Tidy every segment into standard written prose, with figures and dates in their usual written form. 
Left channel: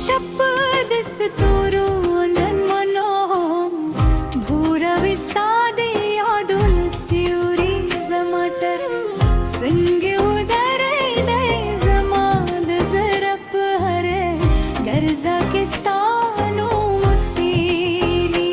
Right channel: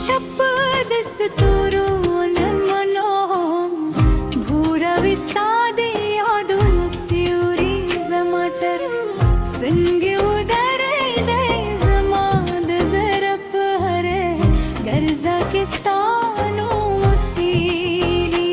शपथ स्तोरून मनोहम भूरविस्तादे यादून सिउरी जमाटर संगे उदर दे जमाद जरप हरे गर्जा के स्थानो मुसीली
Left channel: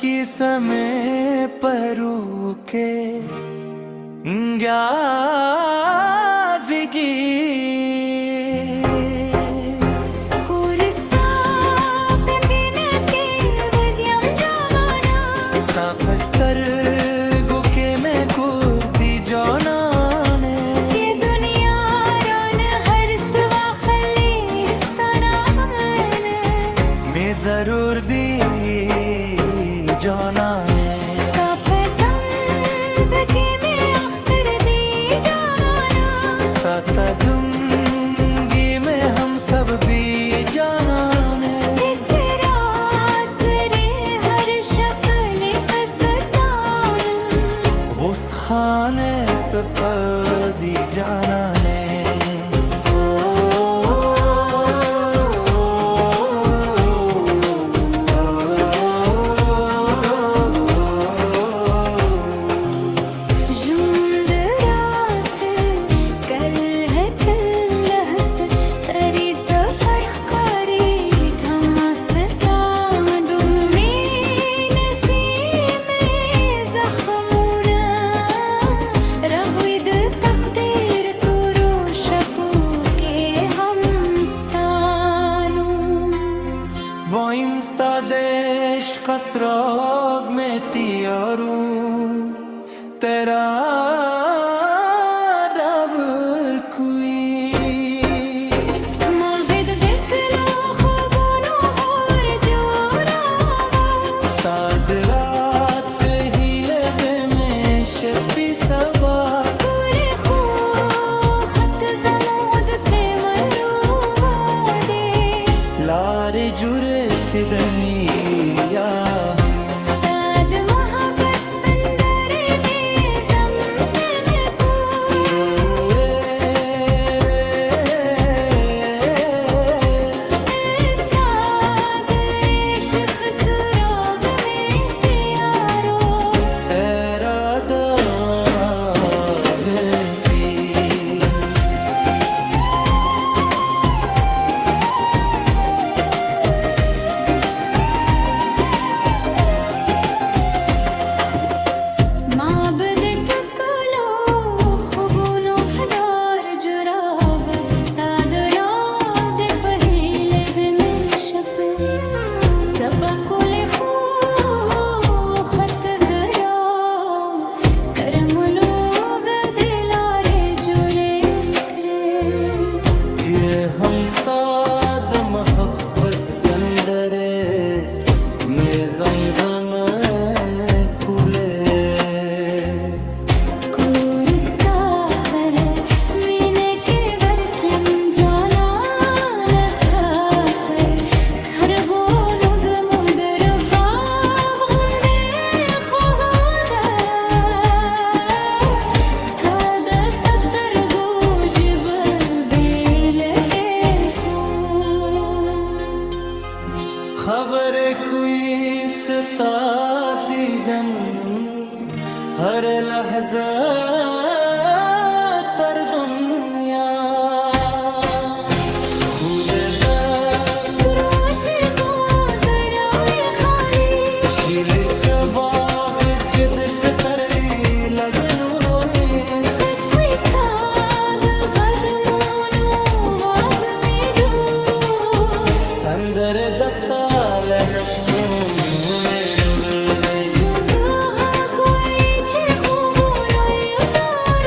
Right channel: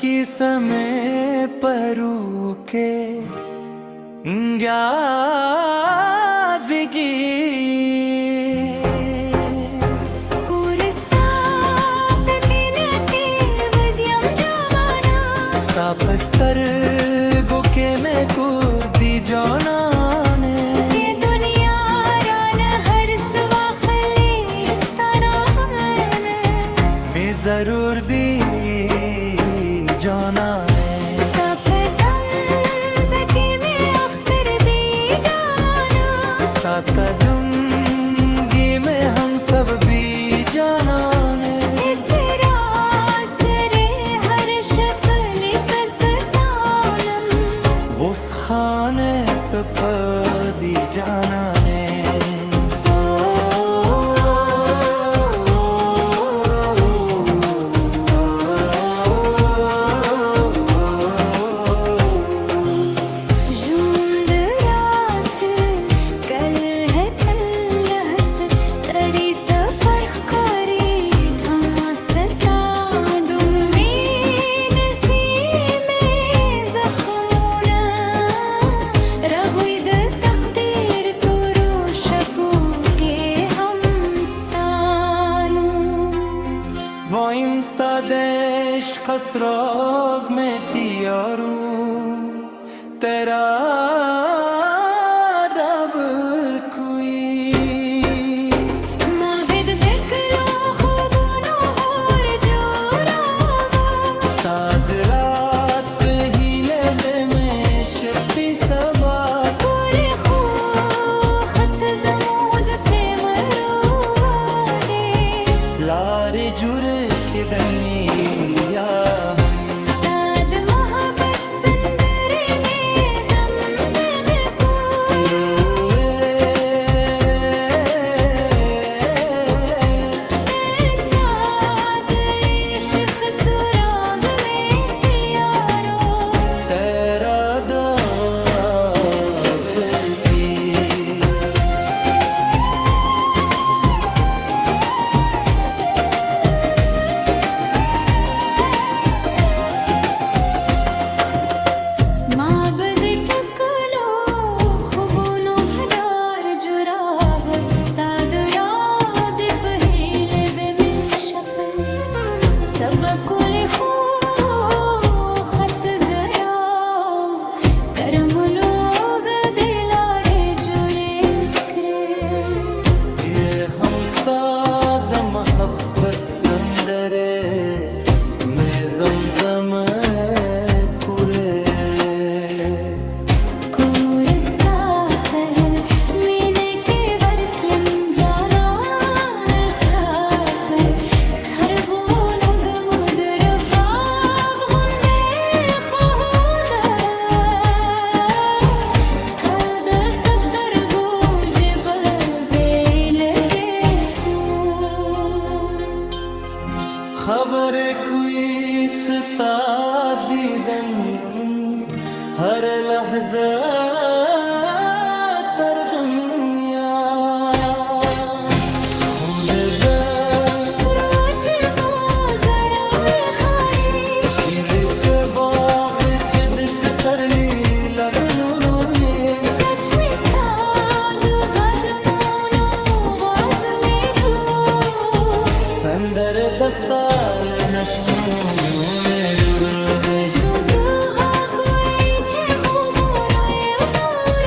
की समय परू के विगी पस्तर गुके में कुर्दी जोनाने ये दुनिया रान हर सवा खलिस्ताना मैं जरूर दी जोनाने साता दूंगी मैं हम सब भी जाना ने हर शक्ल पसतानम उस खाने सपदी जाना ने देश कसरोग में तियारू तेरा रब कुई माबिद देख लो खूबनो होर जोरावा साद रात ही लबे में शबी सबा पूरे खो खत जमोद के मरुवा दे लारे जुरे के दनिया हम उस्ताद मोहब्बत संदरे में ज़मज़म को उस्ताद इश्क़ सुराग में तियारो तेरा दावती माबद टकलो खुबनो हदार जुराव उस्ताद राद पहिले बेमिल शप सबकुल खो खत जरा करम लोग दिलारे जुरे करे ये हम साद मोहब्बत संदरे में जमजम कुले खबर कोई सता दीदन हर लहजा तर दुनिया खुद रोश जराए खाली शील के बाग चिद पे सरली लगनू नोए तश्वी साद गदमोनो वाज में दो संदर दस्ताल नष्टो में रुर में जो हक वही खूबोनो उतार